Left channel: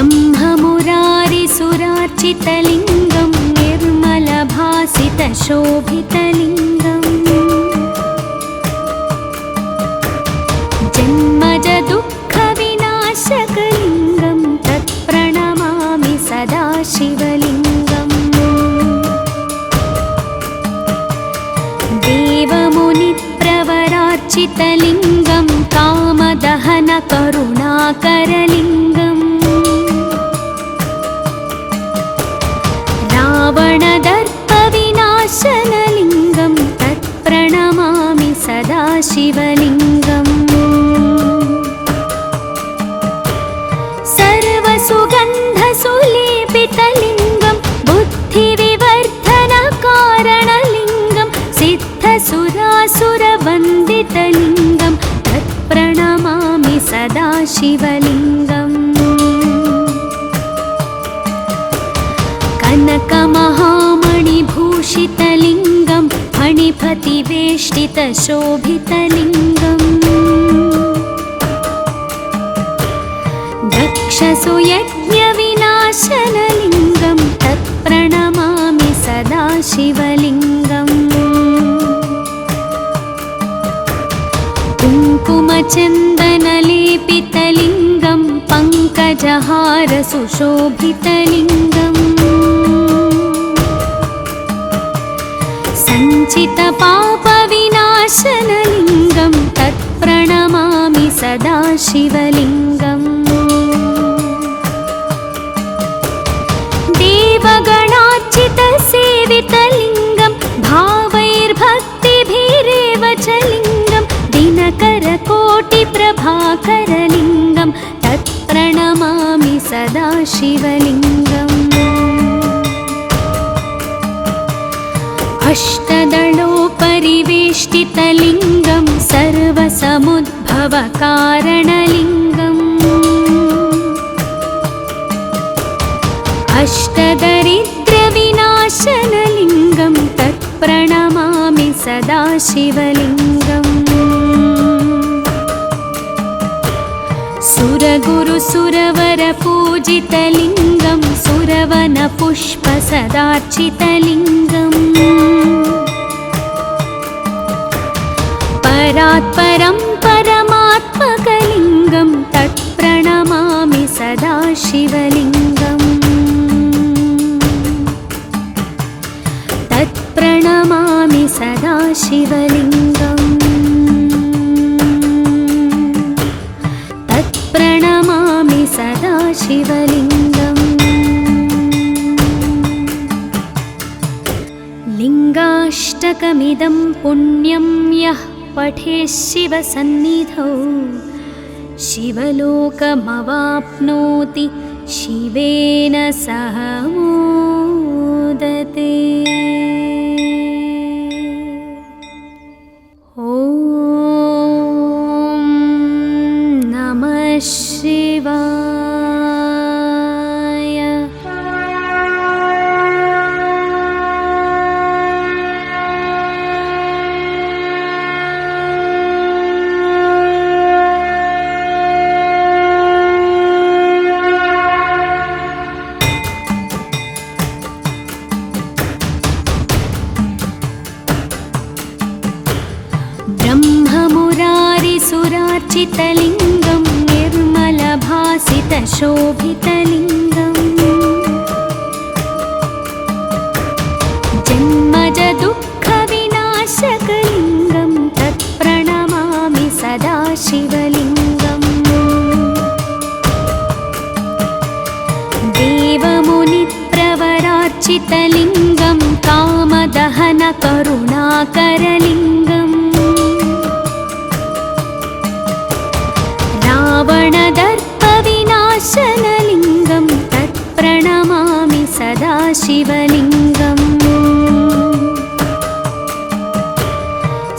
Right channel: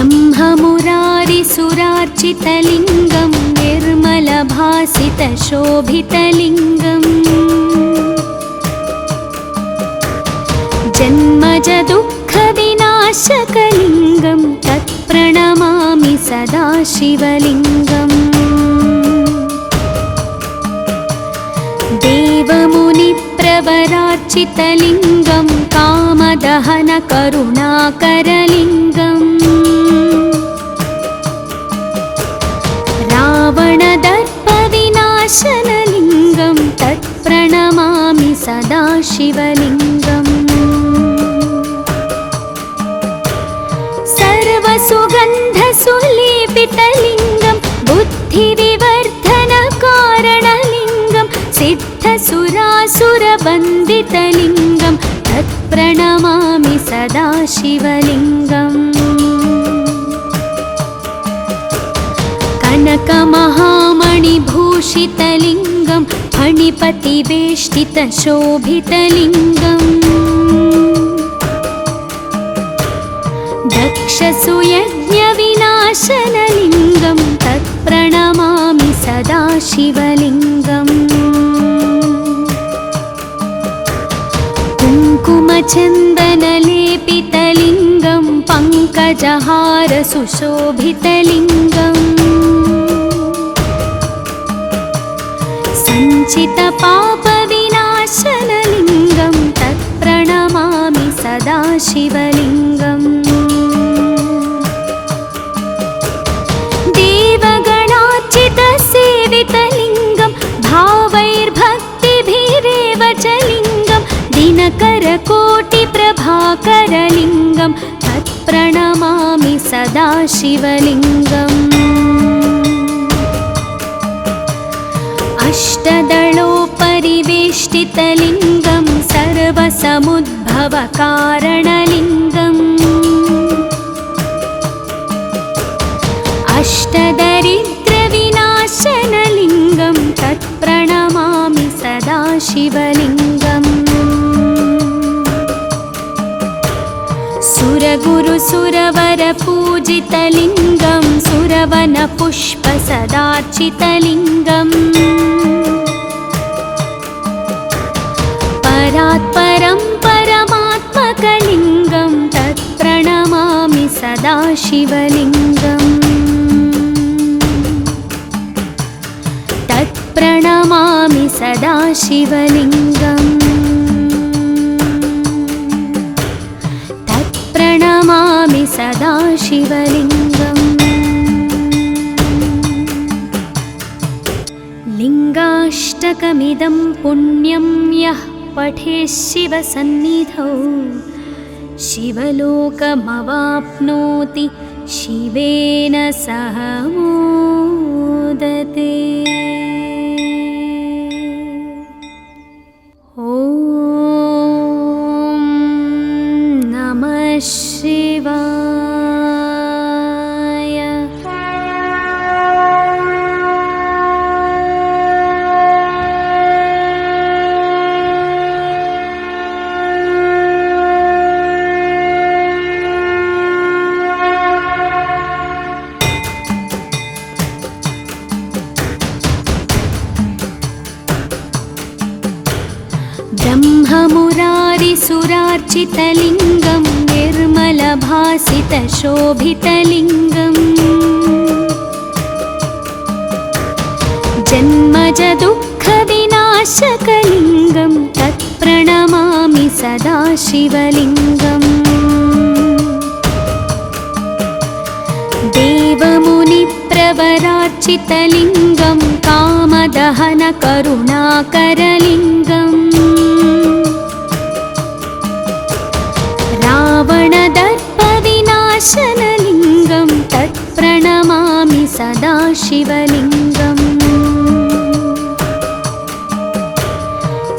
ब्रह्ममुरारिसुरार्चितलिङ्गं निर्मलभासितशोभितलिङ्गम् जन्मजदुःखविनाशकलिङ्गं तत्प्रणमामि सदा शिवलिङ्गम् देवमुनिप्रवरार्चितलिङ्गं कामदहनकरुणाकरलिङ्गम् रावणदर्पविनाशनलिङ्गं तत्प्रणमामि सदा शिवलिङ्गम् सर्वसुगन्धसुलेपितलिङ्गं बुद्धिविवर्धनकारणलिङ्गं सिद्धसुरासुरवन्दितलिङ्गं तत्प्रणमामि सदा शिवलिङ्गम् कनकमहामणिभूषितलिङ्गं फणिपतिवेष्टितशोभितलिङ्गम् दक्षसुयज्ञविनाशनलिङ्गं तत्प्रणमामि सदा शिवलिङ्गम् कुङ्कुमचन्दनलेपितलिङ्गं पङ्कजहारसुशोभितलिङ्गम् सञ्चितपापविनाशनलिङ्गं तत्प्रणमामि सदा शिवलिङ्गम् देवगणार्चितसेवितलिङ्गं भावैर्भक्तिभिरेव च लिङ्गं दिनकरकोटिप्रभाकरलिङ्गं तत्प्रणमामि सदा शिवलिङ्गम् अष्टदलोपरिवेष्टितलिङ्गं सर्वसमुद्भवकारणलिङ्गम् अष्टदरिद्रविनाशनलिङ्गं तत्प्रणमामि सदा शिवलिङ्गम् सुरगुरुसुरवरपूजितलिङ्गं सुरवनपुष्पसदार्चितलिङ्गम् परात्परं परमात्मकलिङ्गं तत्प्रणमामि सदा शिवलिङ्गम् तत्प्रणमामि सदा शिवलिङ्गम् तत्प्रणमामि सदा शिवलिङ्गम् लिङ्गाष्टकमिदं पुण्यं यः पठेत् शिवसन्निधौ शिवलोकमवाप्नोति शिवेन सह मोदते। ॐ नमः शिवाय। ब्रह्ममुरारिसुरार्चितलिङ्गं निर्मलभासितशोभितलिङ्गम् जन्मजदुःखविनाशकलिङ्गं तत्प्रणमामि सदा शिवलिङ्गम् देवमुनिप्रवरार्चितलिङ्गं कामदहनकरुणाकरलिङ्गम् रावणदर्पविनाशनलिङ्गं तत्प्रणमामि सदा शिवलिङ्गम्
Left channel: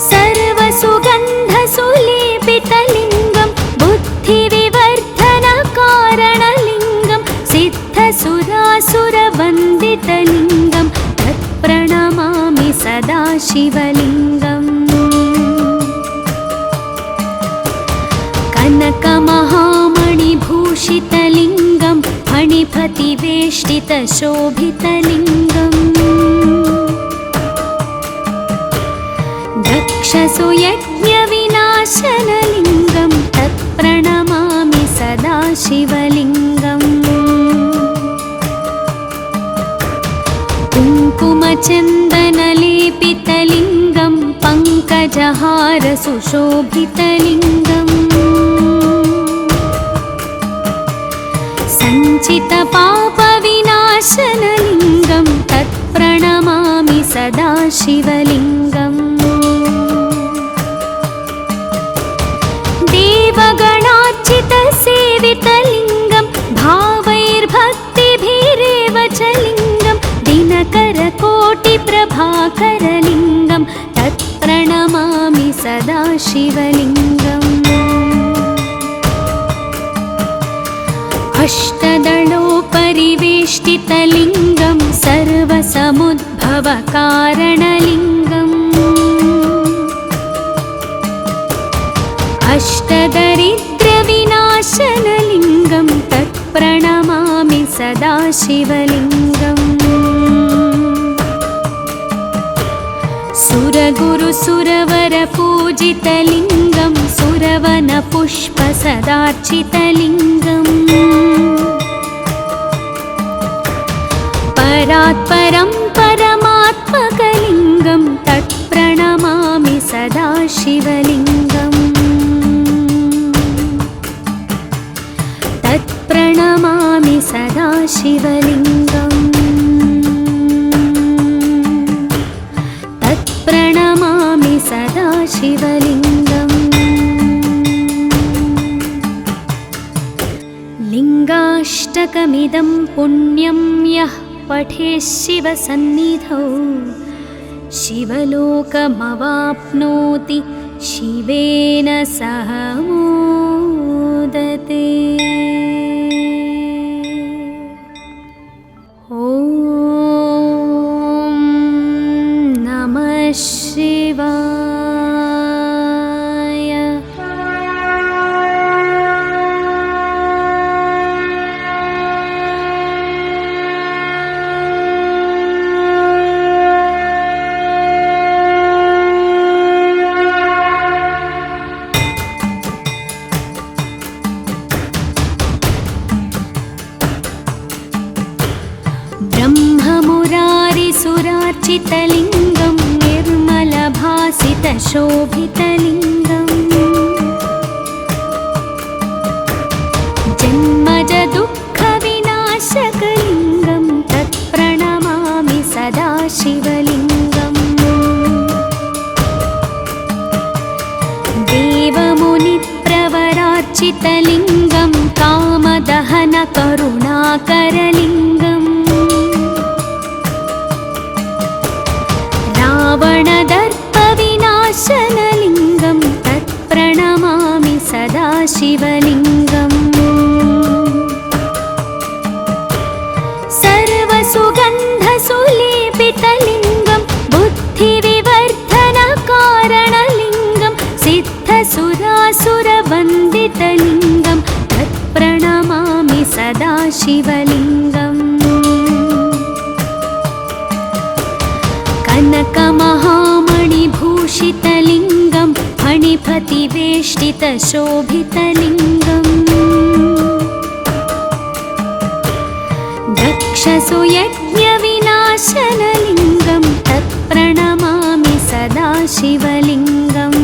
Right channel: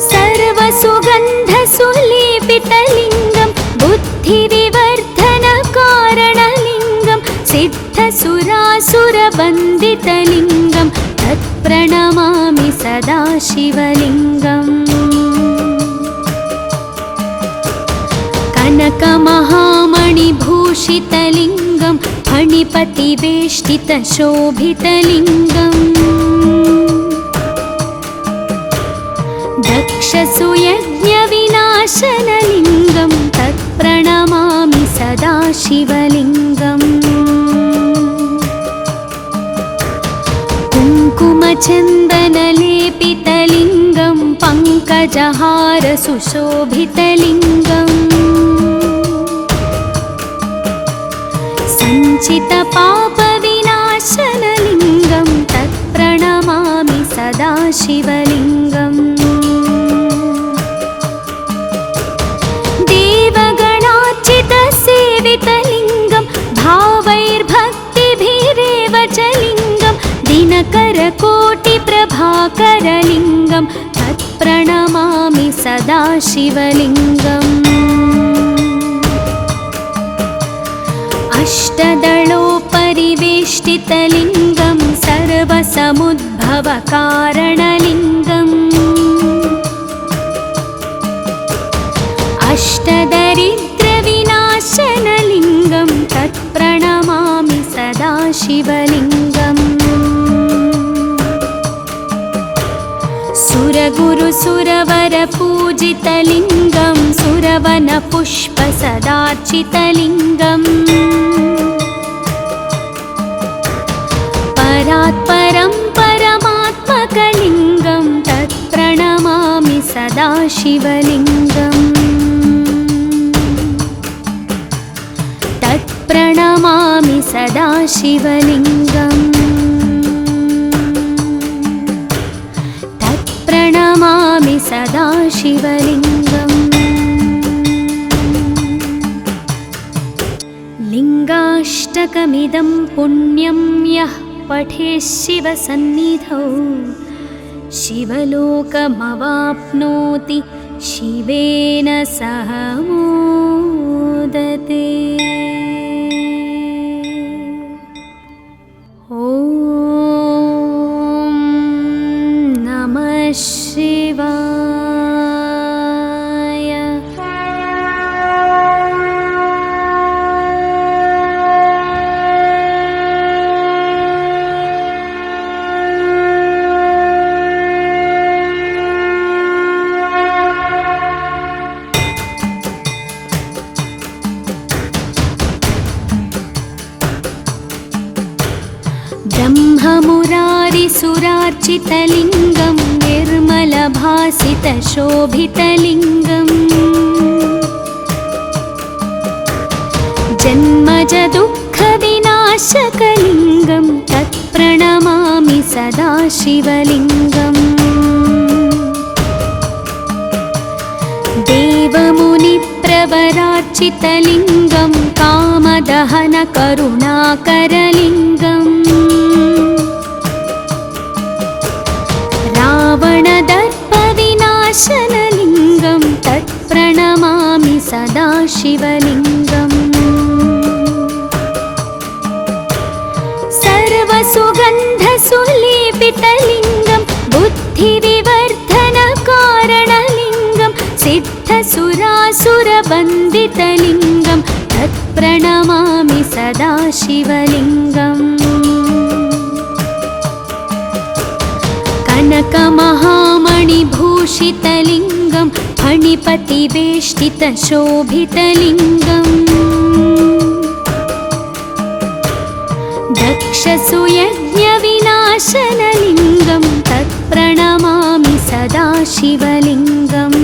सर्वसुगन्धसुलेपितलिङ्गं बुद्धिविवर्धनकारणलिङ्गं सिद्धसुरासुरवन्दितलिङ्गं तत्प्रणमामि सदा शिवलिङ्गम् कनकमहामणिभूषितलिङ्गं फणिपतिवेष्टितशोभितलिङ्गम् दक्षसुयज्ञविनाशनलिङ्गं तत्प्रणमामि सदा शिवलिङ्गम् कुङ्कुमचन्दनलेपितलिङ्गं पङ्कजहारसुशोभितलिङ्गम् सञ्चितपापविनाशनलिङ्गं तत्प्रणमामि सदा शिवलिङ्गम् देवगणार्चितसेवितलिङ्गं भावैर्भक्तिभिरेव च लिङ्गं दिनकरकोटिप्रभाकरलिङ्गं तत्प्रणमामि सदा शिवलिङ्गम् अष्टदलोपरिवेष्टितलिङ्गं सर्वसमुद्भवकारणलिङ्गम् अष्टदरिद्रविनाशनलिङ्गं तत्प्रणमामि सदा शिवलिङ्गम् सुरगुरुसुरवरपूजितलिङ्गं सुरवनपुष्पसदार्चितलिङ्गम् परात्परं परमात्मकलिङ्गं तत्प्रणमामि सदा शिवलिङ्गम् तत्प्रणमामि सदा शिवलिङ्गम् तत्प्रणमामि सदा शिवलिङ्गम् लिङ्गाष्टकमिदं पुण्यं यः पठेत् शिवसन्निधौ शिवलोकमवाप्नोति शिवेन सह मोदते। ॐ नमः शिवाय। ब्रह्ममुरारिसुरार्चितलिङ्गं निर्मलभासितशोभितलिङ्गम् जन्मजदुःखविनाशकलिङ्गं तत्प्रणमामि सदा शिवलिङ्गम् देवमुनिप्रवरार्चितलिङ्गं कामदहनकरुणाकरलिङ्गम् रावणदर्पविनाशनलिङ्गं तत्प्रणमामि सदा शिवलिङ्गम् सर्वसुगन्धसुलेपितलिङ्गं बुद्धिविवर्धनकारणलिङ्गं सिद्धसुरासुरवन्दितलिङ्गं तत्प्रणमामि सदा शिवलिङ्गम् कनकमहामणिभूषितलिङ्गं फणिपतिवेष्टितशोभितलिङ्गम् दक्षसुयज्ञविनाशनलिङ्गं तत्प्रणमामि सदा शिवलिङ्गम्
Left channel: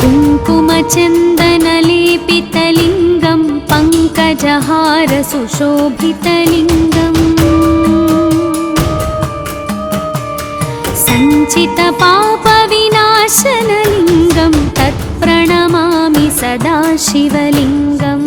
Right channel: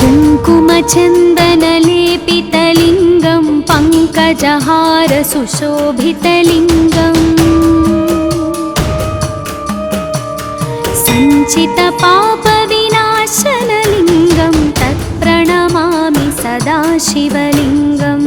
कुङ्कुमचन्दनलेपितलिङ्गं पङ्कजहारसुशोभितलिङ्गम् सञ्चितपापविनाशनलिङ्गं तत्प्रणमामि सदा शिवलिङ्गम्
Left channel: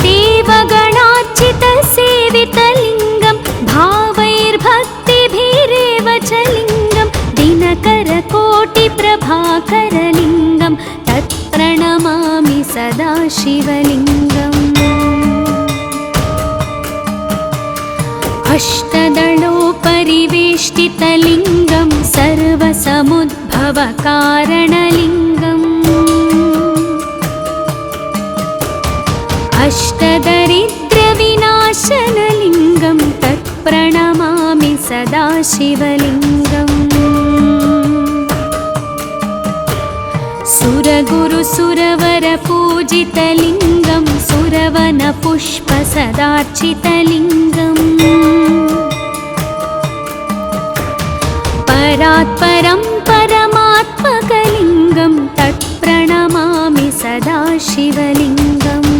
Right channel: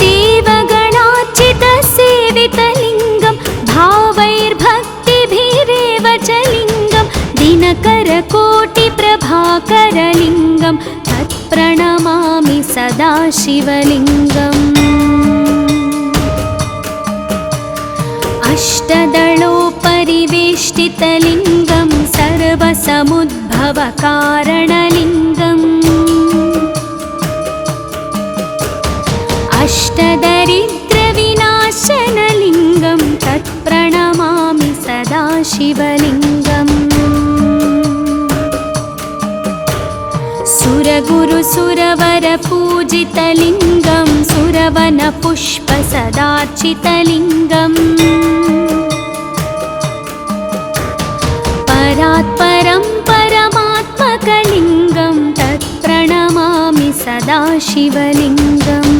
देवगणार्चितसेवितलिङ्गं भावैर्भक्तिभिरेव च लिङ्गं दिनकरकोटिप्रभाकरलिङ्गं तत्प्रणमामि सदा शिवलिङ्गम् अष्टदलोपरिवेष्टितलिङ्गं सर्वसमुद्भवकारणलिङ्गम् सुरगुरुसुरवरपूजितलिङ्गं सुरवनपुष्पसदार्चितलिङ्गम् परात्परं परमात्मकलिङ्गं तत्प्रणमामि सदा शिवलिङ्गम्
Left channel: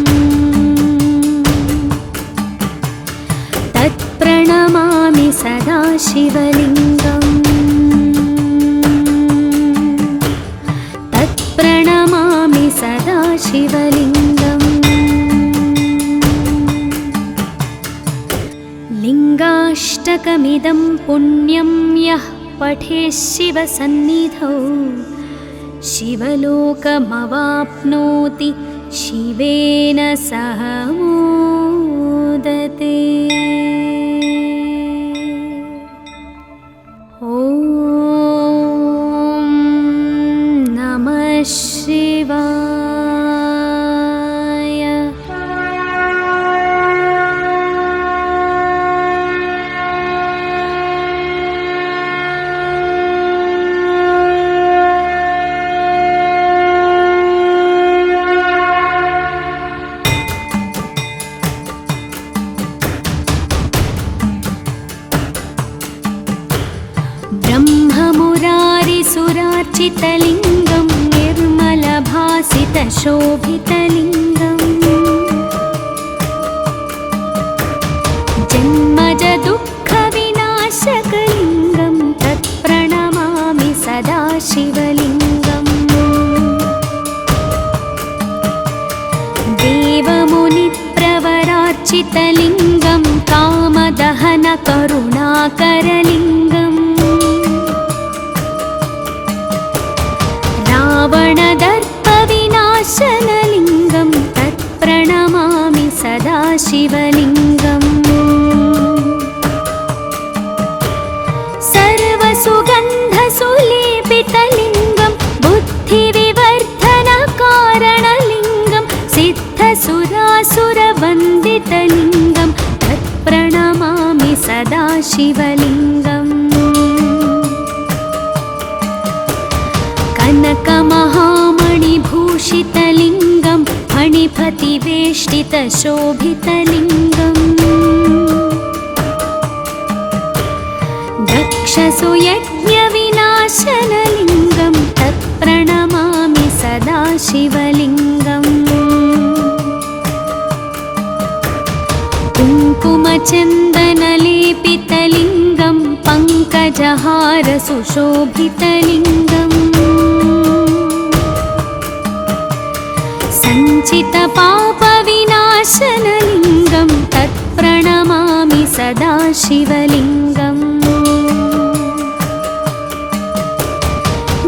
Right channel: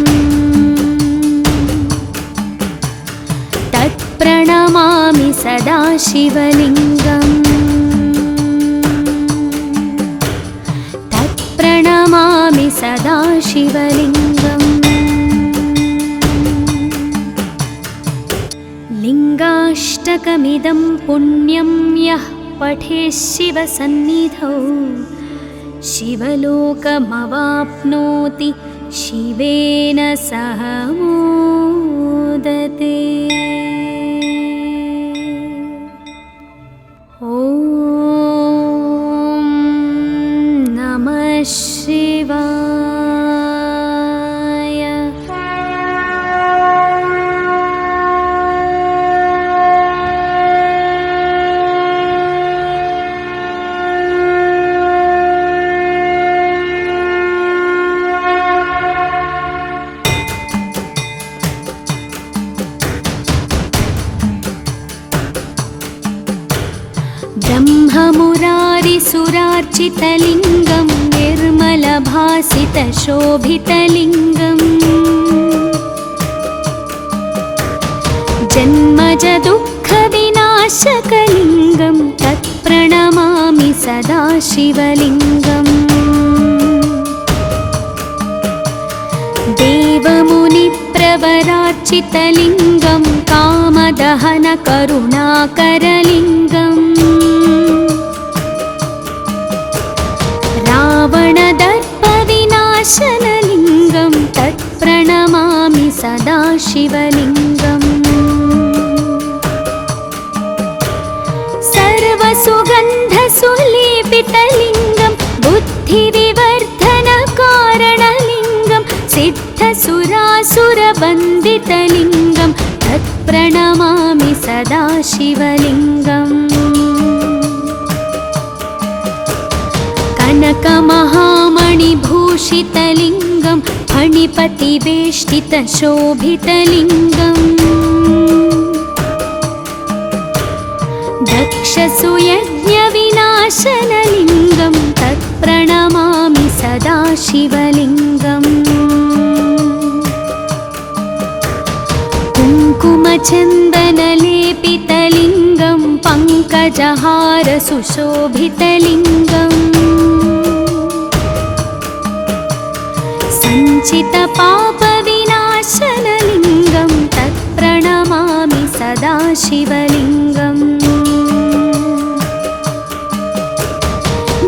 तत्प्रणमामि सदा शिवलिङ्गम् तत्प्रणमामि सदा शिवलिङ्गम् लिङ्गाष्टकमिदं पुण्यं यः पठेत् शिवसन्निधौ शिवलोकमवाप्नोति शिवेन सह मोदते। ॐ नमः शिवाय। ब्रह्ममुरारिसुरार्चितलिङ्गं निर्मलभासितशोभितलिङ्गम् जन्मजदुःखविनाशकलिङ्गं तत्प्रणमामि सदा शिवलिङ्गम् देवमुनिप्रवरार्चितलिङ्गं कामदहनकरुणाकरलिङ्गम् रावणदर्पविनाशनलिङ्गं तत्प्रणमामि सदा शिवलिङ्गम् सर्वसुगन्धसुलेपितलिङ्गं बुद्धिविवर्धनकारणलिङ्गं सिद्धसुरासुरवन्दितलिङ्गं तत्प्रणमामि सदा शिवलिङ्गम् कनकमहामणिभूषितलिङ्गं फणिपतिवेष्टितशोभितलिङ्गम् दक्षसुयज्ञविनाशनलिङ्गं तत्प्रणमामि सदा शिवलिङ्गम् कुङ्कुमचन्दनलेपितलिङ्गं पङ्कजहारसुशोभितलिङ्गम् सञ्चितपापविनाशनलिङ्गं तत्प्रणमामि सदा शिवलिङ्गम्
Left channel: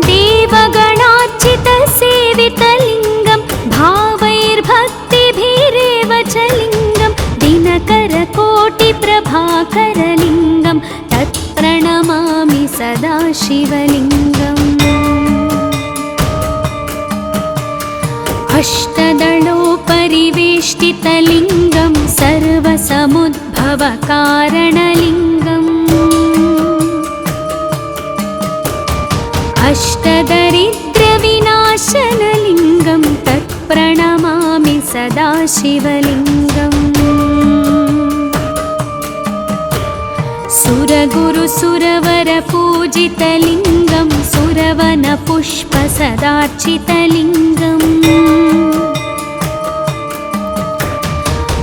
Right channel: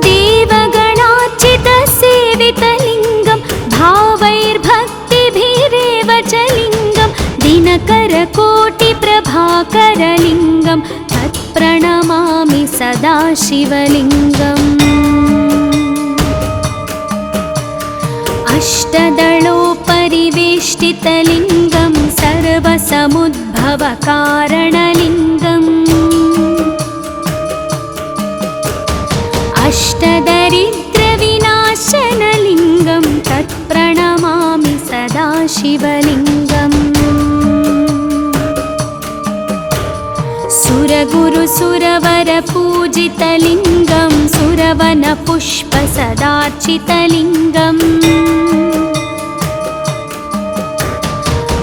देवगणार्चितसेवितलिङ्गं भावैर्भक्तिभिरेव च लिङ्गं दिनकरकोटिप्रभाकरलिङ्गं तत्प्रणमामि सदा शिवलिङ्गम् अष्टदलोपरिवेष्टितलिङ्गं सर्वसमुद्भवकारणलिङ्गम् अष्टदरिद्रविनाशनलिङ्गं तत्प्रणमामि सदा शिवलिङ्गम् सुरगुरुसुरवरपूजितलिङ्गं सुरवनपुष्पसदार्चितलिङ्गम्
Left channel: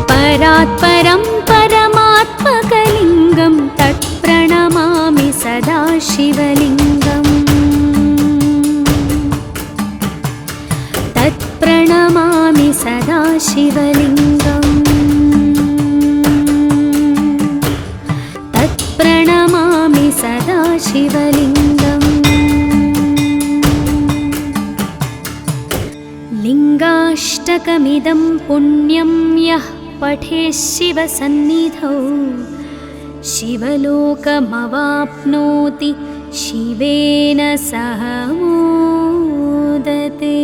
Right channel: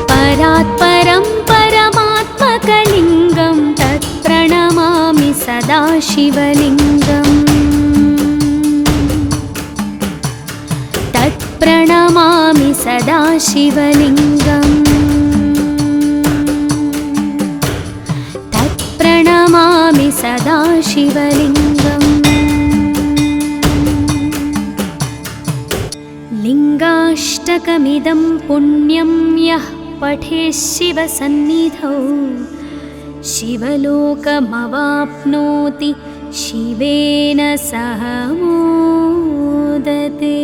परात्परं परमात्मकलिङ्गं तत्प्रणमामि सदा शिवलिङ्गम् तत्प्रणमामि सदा शिवलिङ्गम् तत्प्रणमामि सदा शिवलिङ्गम् लिङ्गाष्टकमिदं पुण्यं यः पठेत् शिवसन्निधौ शिवलोकमवाप्नोति शिवेन सह मोदते।